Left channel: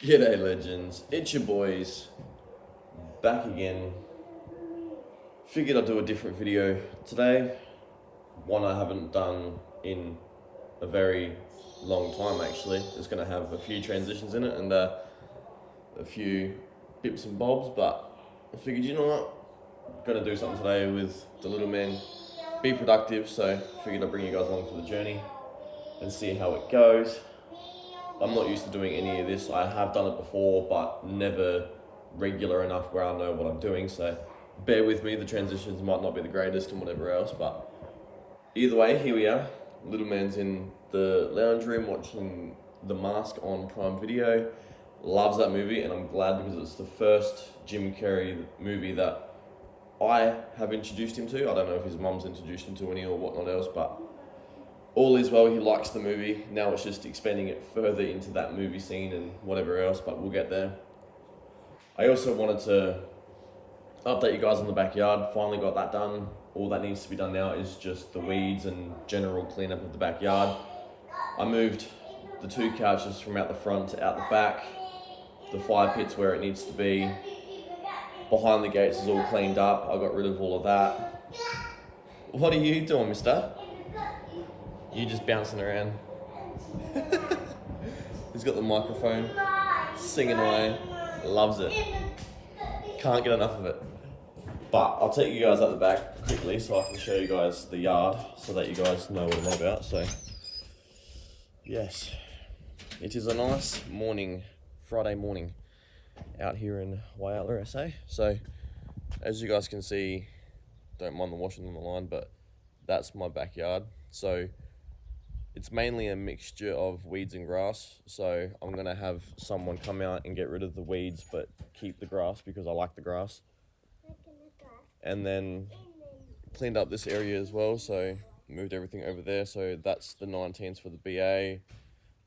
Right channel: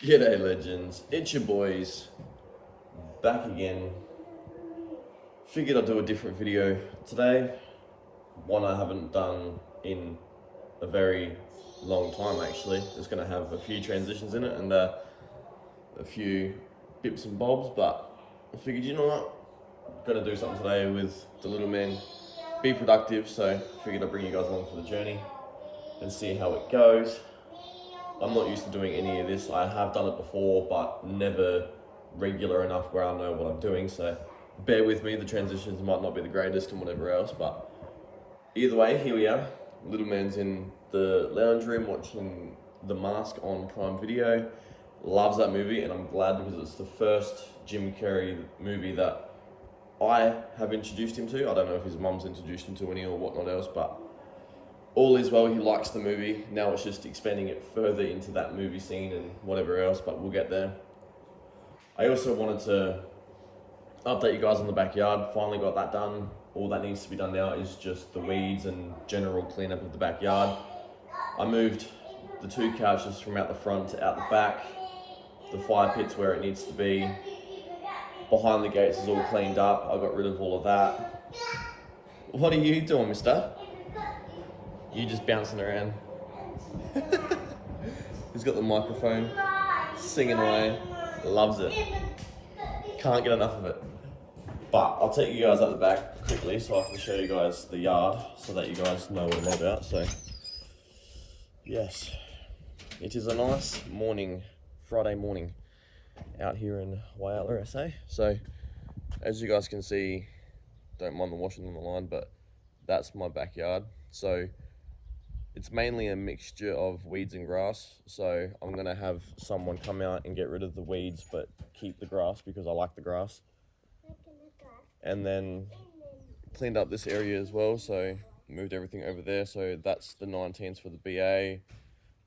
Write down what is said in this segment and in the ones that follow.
G'day legends, it's your boys, back again. Figured I'd do a different video today, one I haven't done in a very long time actually. It's going to have a few transitions in it and a few bips and bobs, but I figured, you know what, I'm going to do something today with the little men, be productive, so I figured I'd bring you guys along for the journey and see how it goes. I'm not used to doing any of this. I have done it before, but never regular enough where I know what I'm doing. So bear with me, the transitions might not be the greatest and whatever else, but either way, here we are. Little man's in the lounge room watching The Mask on Prime Video. Loves that movie, and I'm glad because it's the first Jim Carrey movie that I have introduced him to. I don't know if his mum's introduced him to any or whatnot else, but all is well, he likes the movie. Now it's just expanding it further into that movie scene and whatever else, but we'll get there. I also wanted to update you guys on the backyard. Finally got that done. All that needs to be done now is just the weeds and general cleanup of the backyard. I moved the two couches from out the front to out the back. The fire pit's where it needs to be. Behind the gates is all cleaned up. I got rid of all of that. What are you doing, mister? You just bouncing around. He's got the microphone, singing away, loves it. Can't get enough of it. But I'll take you guys up the back quickly so I can show you guys the yard so that you guys know what I'm about. So, yes, it is a nice morning, Friday morning, out here in Whyalla, SA. So, as you guys can see, don't mind the washing on the line, but that's my backyard. So, it's mainly a mixture of weeds and grass, so I'm going to have someone come out and get rid of the weeds but keep the grass because I like the grass. And then cleaned up this area as well, so moved everything over there. So that's the 19s for the BA,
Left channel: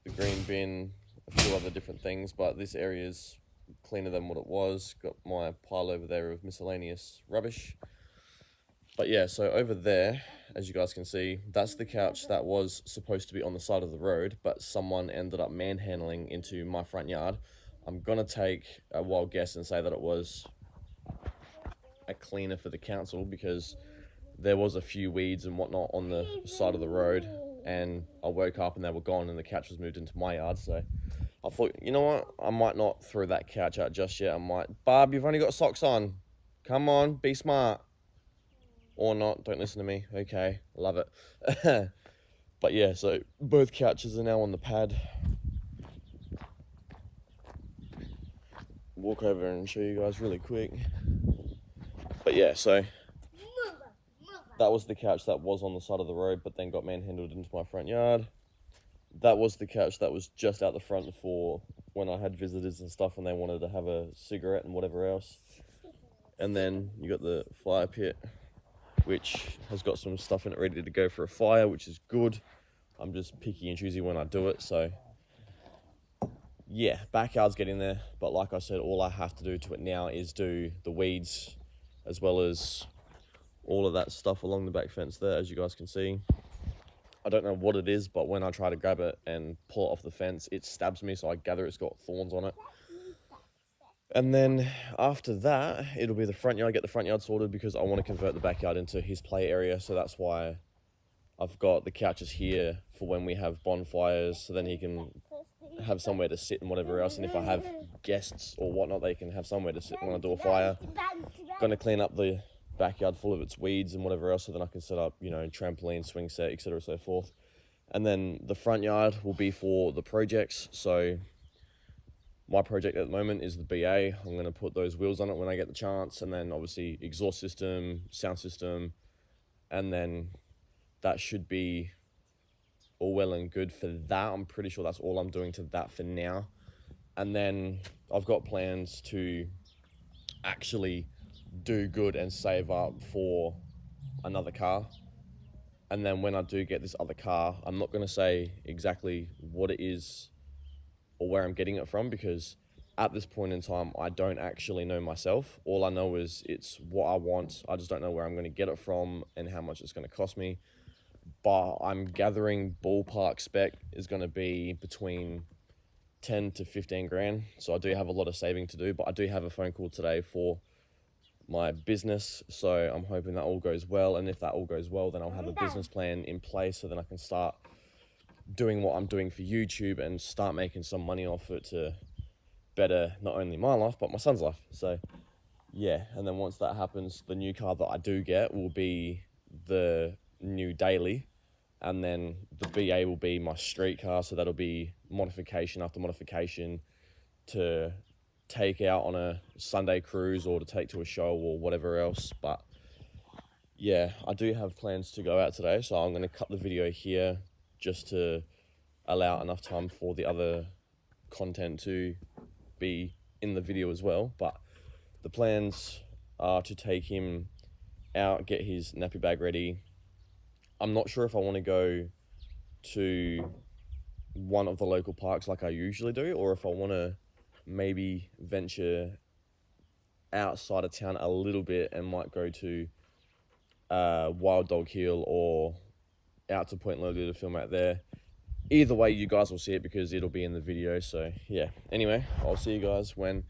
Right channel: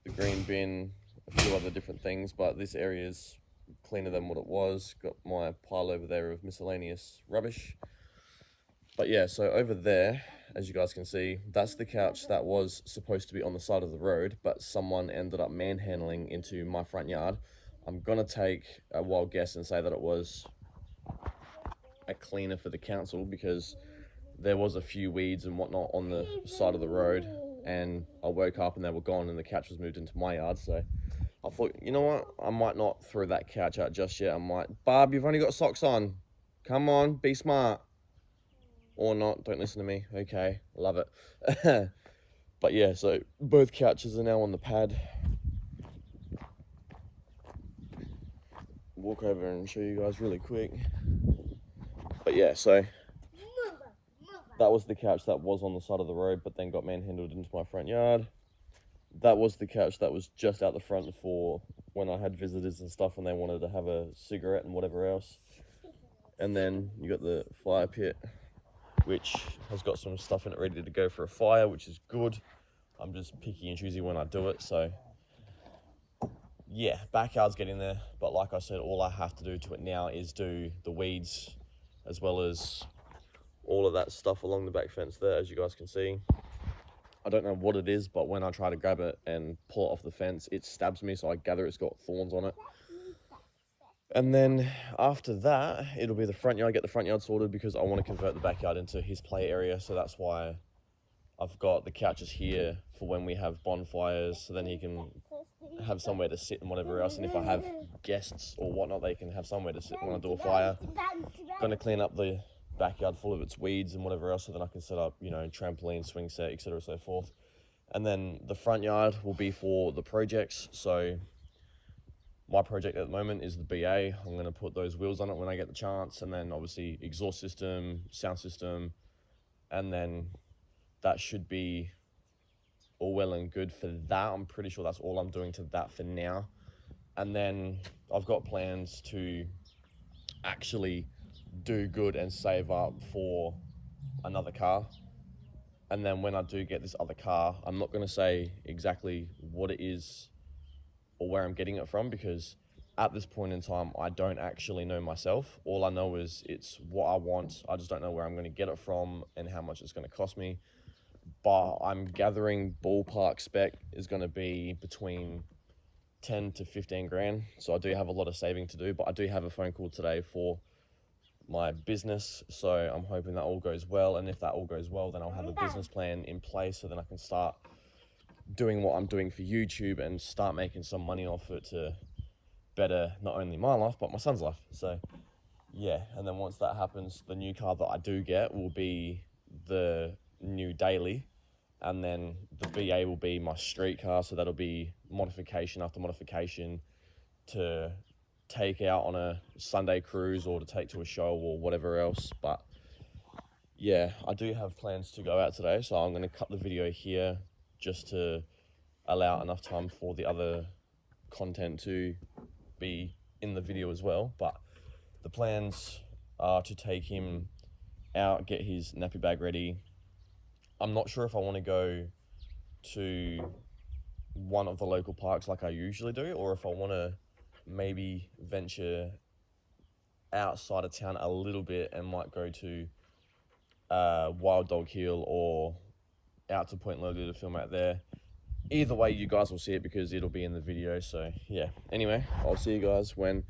the green bin, a few other different things, but this area is cleaner than what it was. Got my pile over there of miscellaneous rubbish. But yeah, so over there, as you guys can see, that's the couch that was supposed to be on the side of the road, but someone ended up manhandling into my front yard. I'm gonna take a wild guess and say that it was a cleaner for the council because there was a few weeds and whatnot on the side of the road, and I woke up and they were gone and the couch was moved into my yard. So I thought, you know what, I might not throw that couch out just yet. I might, Barb, you've only got socks on. Come on, be smart. Or not, don't listen to me. Okay, love it. But yeah, so both couches are now on the pad. Walk over and show you guys really quick. But yeah, so that was the couch that was on the side of the road but then got manhandled into my front yard. That was the couch that was just out the front for when I had visitors and stuff and they wanted to have a cigarette and whatever else. And then you got the fire pit, which has got some stuff in it ready to go for a fire, which is good. I'm just picky and choosy when I do it, so yeah, backyard's getting there. But like I said, all I have to do to it now is do the weeds as well as all of that stuff along the back fence there, as you guys can see. I don't know what it is, but when I try to grab it and pull it off the fence, it stabs me, so I gather it's got thorns on it. And then after that, it'll be the front yard. Get the front yard sorted because I want to convert the backyard into his play area. So that's why I've got the couches here for when we have bonfires, so then he can have somewhere to sit and whatever else. And if I have guests or whatnot, they can have somewhere to sit when I do a fire. Going to clean up the backyard full of its weeds and whatever else, so then I can set up, you know, trampoline, swing set, etc., so forth. And then the front yard will be for the projects. So my project at the moment is the BA. I'm going to put those wheels on it when I get the chance, and then obviously exhaust system, sound system, and then that should be all well and good for that. I'm pretty sure that's all I'm doing to that for now. And then I've got plans to actually do good and save up for another car. And then when I do get this other car, I'm not going to say exactly what it is or where I'm getting it from, because at this point in time, I don't actually know myself. All I know is it's what I want. I just don't know where I'm going to get it from and how much it's going to cost me. But I'm gathering ballpark spec is going to be between 10 to 15 grand. So I do have a lot of saving to do, but I do have a phone call today for my business. So I'm hoping that all goes well. And if that all goes well, then I'll have a business plan in place so then I can start doing what I'm doing for YouTube and start making some money off it to better not only my life, but my son's life. So yeah, and then once that happens, the new car that I do get will be the new daily, and then the BA will be my street car. So that'll be modification after modification to take out on a Sunday cruise or to take to a show or whatever else. But yeah, I do have plans to go out today, so I'm going to cut the video here just to allow enough time for the other content to be in the video as well. But the plans are to take him out, get his nappy bag ready. I'm not sure if I want to go to one of the local parks like I usually do, or if I want to maybe venture outside of town a little bit and might go to Wild Dog Hill or out to Point Lily to film out there. Either way, you guys will see it because it'll be in the video. So yeah, anyway, I'll see you guys when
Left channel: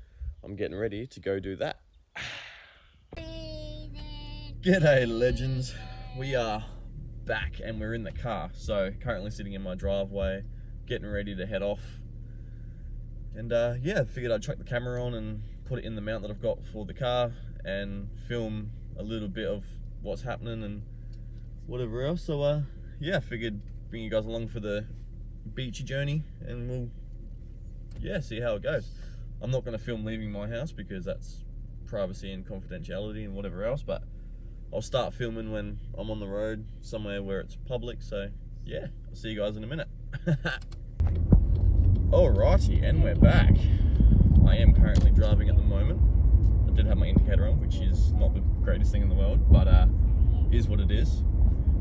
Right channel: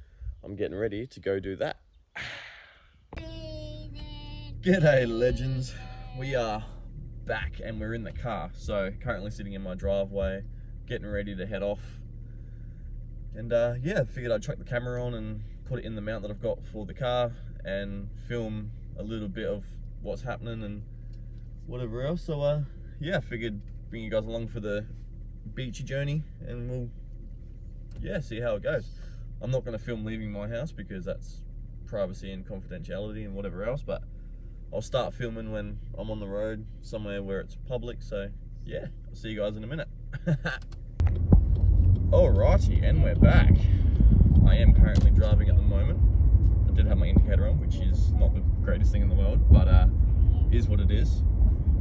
I'm getting ready to go do that. G'day legends, we are back and we're in the car. So currently sitting in my driveway, getting ready to head off. And yeah, figured I'd chuck the camera on and put it in the mount that I've got for the car and film a little bit of what's happening and whatever else. So yeah, figured bring you guys along for the beachy journey and we'll, yeah, see how it goes. I'm not going to film leaving my house because that's privacy and confidentiality and whatever else, but I'll start filming when I'm on the road somewhere where it's public. So yeah, I'll see you guys in a minute. Alrighty, and we're back. I am currently driving at the moment. I did have my indicator on, which is not the greatest thing in the world, but is what it is.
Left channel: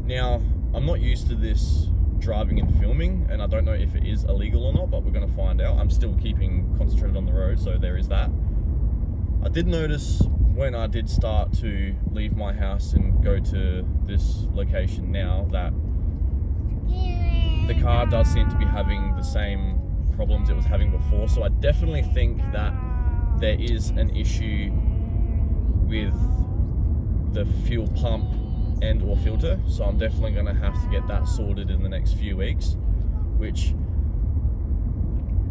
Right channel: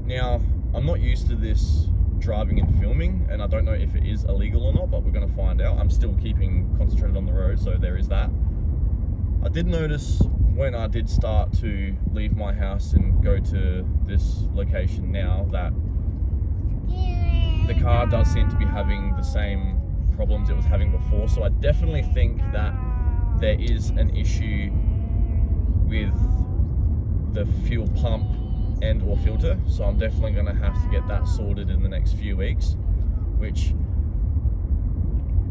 Now, I'm not used to this driving and filming, and I don't know if it is illegal or not, but we're going to find out. I'm still keeping concentrated on the road, so there is that. I did notice when I did start to leave my house and go to this location now that the car does seem to be having the same problems it was having before. So I definitely think that there is an issue with the fuel pump and or filter. So I'm definitely going to have to get that sorted in the next few weeks, which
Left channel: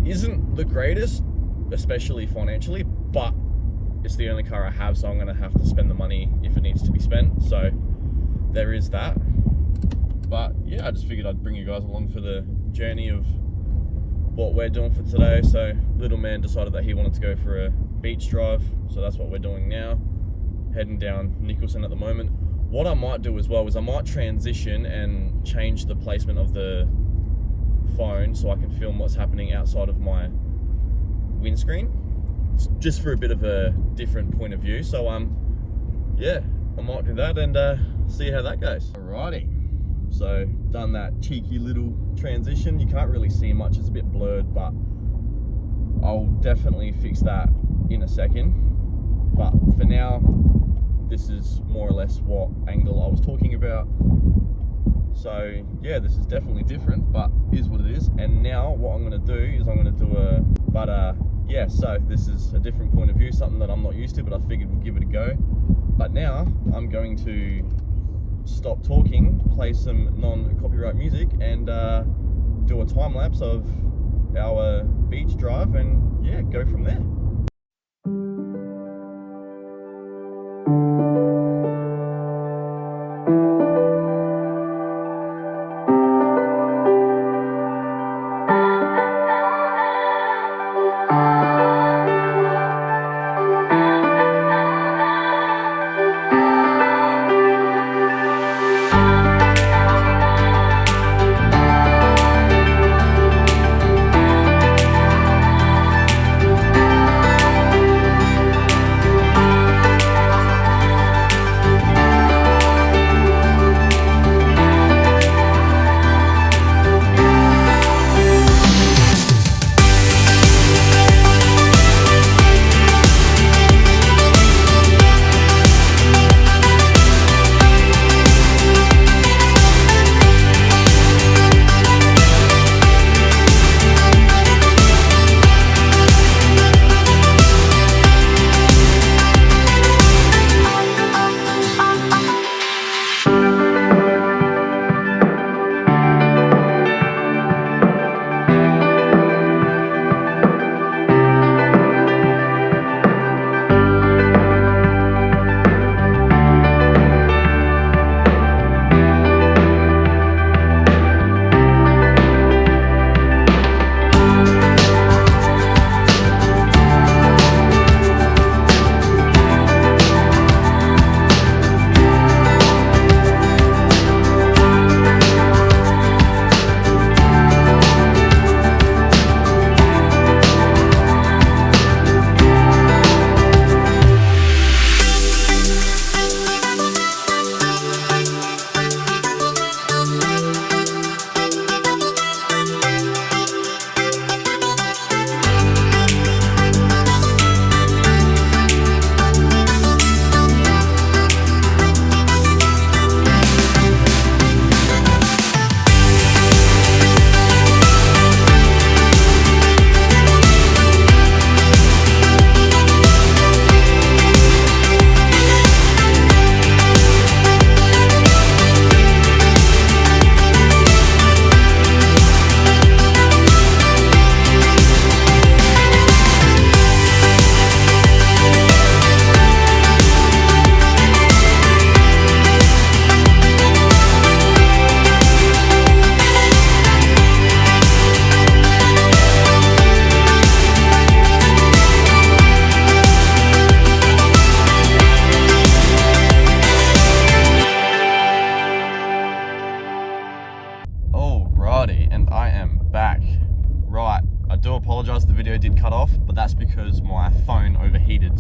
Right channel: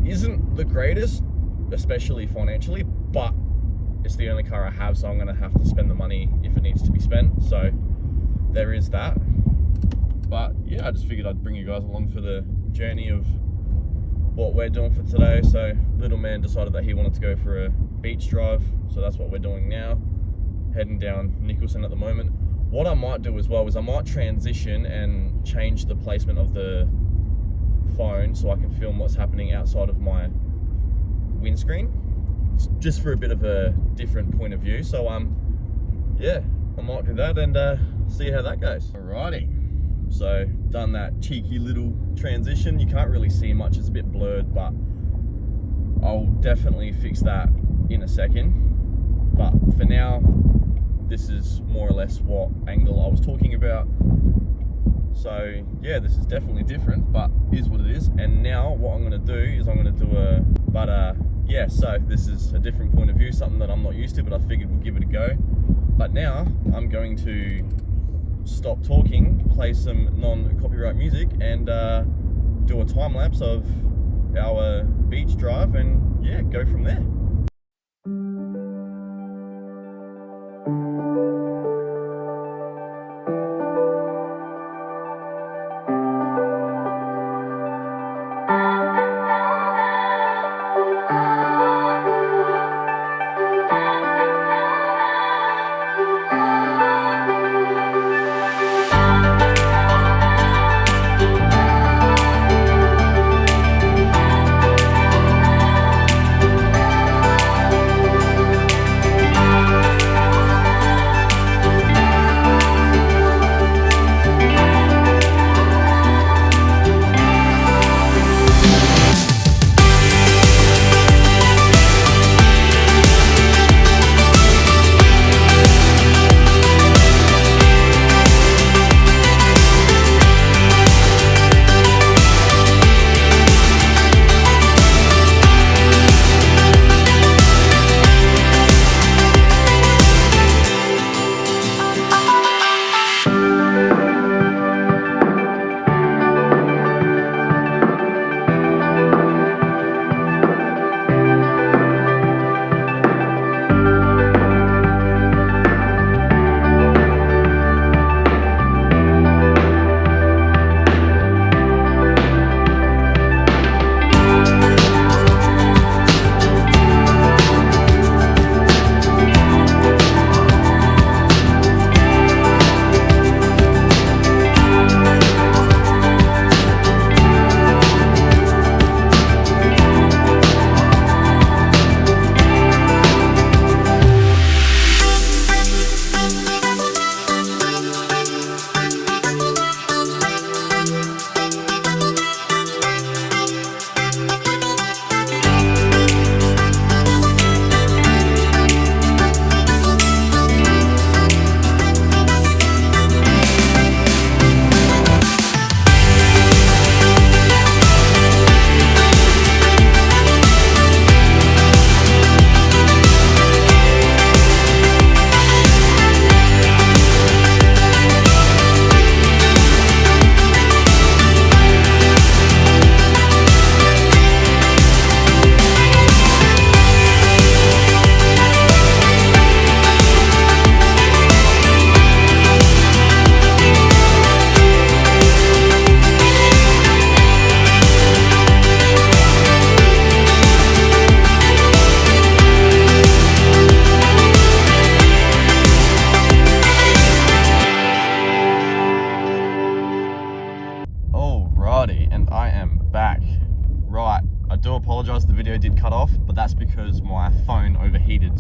isn't the greatest, especially financially, but it's the only car I have, so I'm going to have to spend the money if it needs to be spent. So there is that. But yeah, I just figured I'd bring you guys along for the journey of what we're doing for today. So little man decided that he wanted to go for a beach drive, so that's what we're doing now, heading down Nicholson at the moment. What I might do as well is I might transition and change the placement of the phone so I can film what's happening outside of my windscreen, just for a bit of a different point of view. So yeah, I might do that and see how that goes. Alrighty, so done that cheeky little transition. You can't really see much, it's a bit blurred, but I'll definitely fix that in a second. But for now, this is more or less what angle I was talking about. So yeah, this is definitely different, but is what it is. And now what I'm going to do is I'm going to do yeah, so this is a different point of view, something that I'm not used to, but I figured we'll give it a go. But now I'm going to stop talking, play some non-copyright music, and do a time lapse of our beach drive, and yeah, go from there.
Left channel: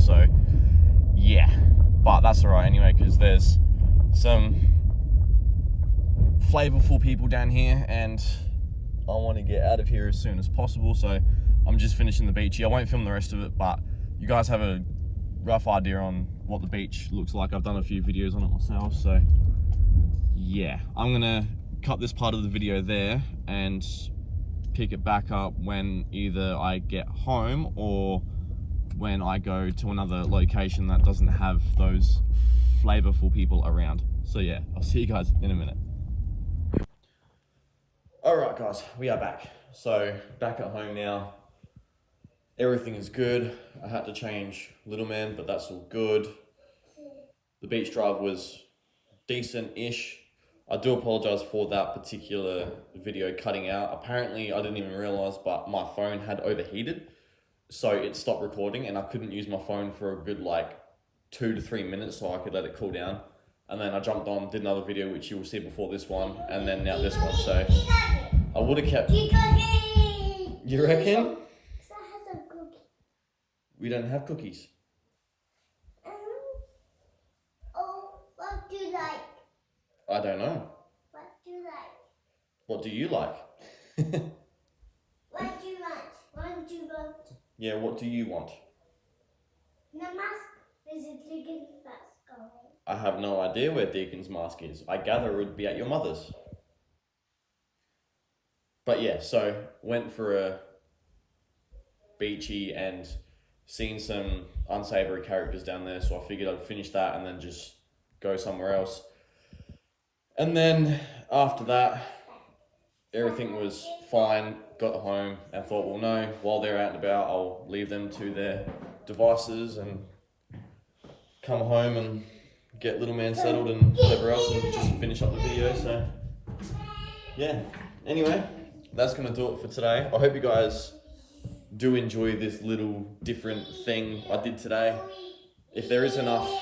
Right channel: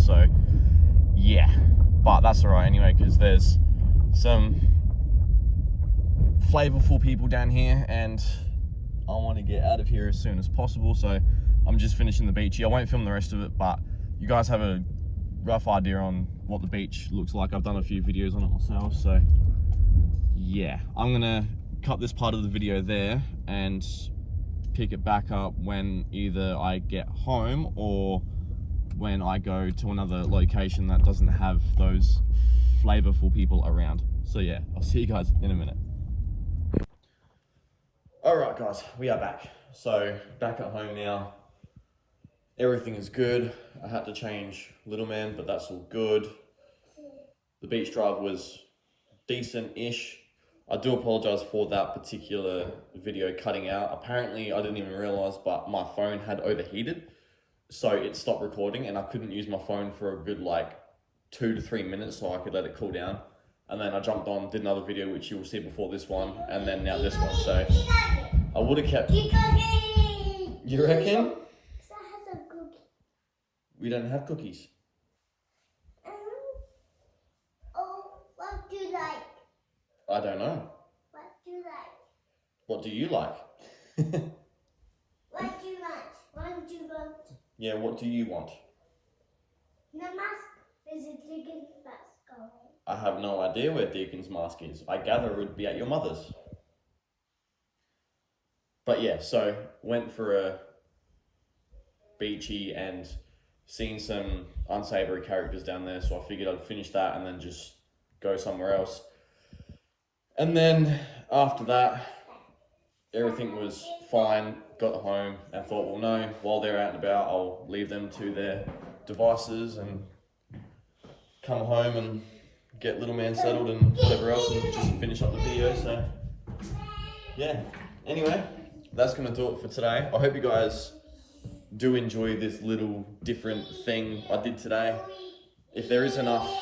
so yeah. But that's all right anyway, because there's some flavorful people down here, and I want to get out of here as soon as possible. So I'm just finishing the beach here. I won't film the rest of it, but you guys have a rough idea on what the beach looks like. I've done a few videos on it myself, so yeah. I'm gonna cut this part of the video there and pick it back up when either I get home or when I go to another location that doesn't have those flavorful people around. So yeah, I'll see you guys in a minute. All right guys, we are back. So back at home now. Everything is good. I had to change little man, but that's all good. The beach drive was decent-ish. I do apologize for that particular video cutting out. Apparently, I didn't even realize, but my phone had overheated. So it stopped recording and I couldn't use my phone for a good like 2 to 3 minutes so I could let it cool down. And then I jumped on, did another video, which you will see before this one, and then now this one. So I would have kept... You reckon? We don't have cookies. Oh, what do you like? I don't know. What do you like? What do you like? What do you like? What do you want? Yeah, what do you want? The mask. There's a Deacon's mask going. I have no idea where Deacon's mask is. I gather it would be at your mother's. But yeah, so went for a beachy and seen some unsavory characters down there, so I figured I'd finish that and then just go somewhere else. And then after that, everything was fine. Got home and thought, well, no, while they're out and about, I'll leave them to their devices and come home and get little man settled and whatever else and just finish up the video. So yeah, anyway, that's gonna do it for today. I hope you guys do enjoy this little different thing I did today. If there is enough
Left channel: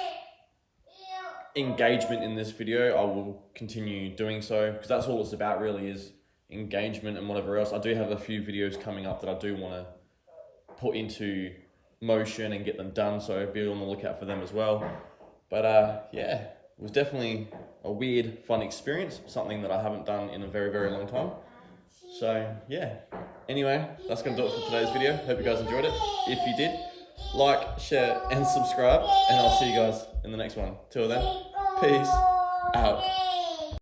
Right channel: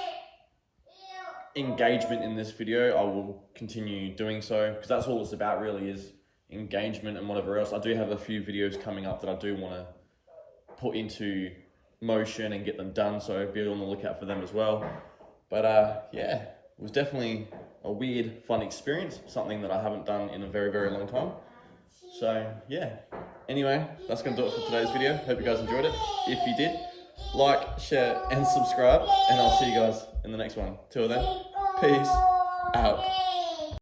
engagement in this video, I will continue doing so, because that's all it's about really, is engagement and whatever else. I do have a few videos coming up that I do want to put into motion and get them done, so be on the lookout for them as well. But yeah, it was definitely a weird, fun experience, something that I haven't done in a very, very long time. So yeah, anyway, that's going to do it for today's video. Hope you guys enjoyed it. If you did, like, share and subscribe, and I'll see you guys in the next one. Till then, peace out.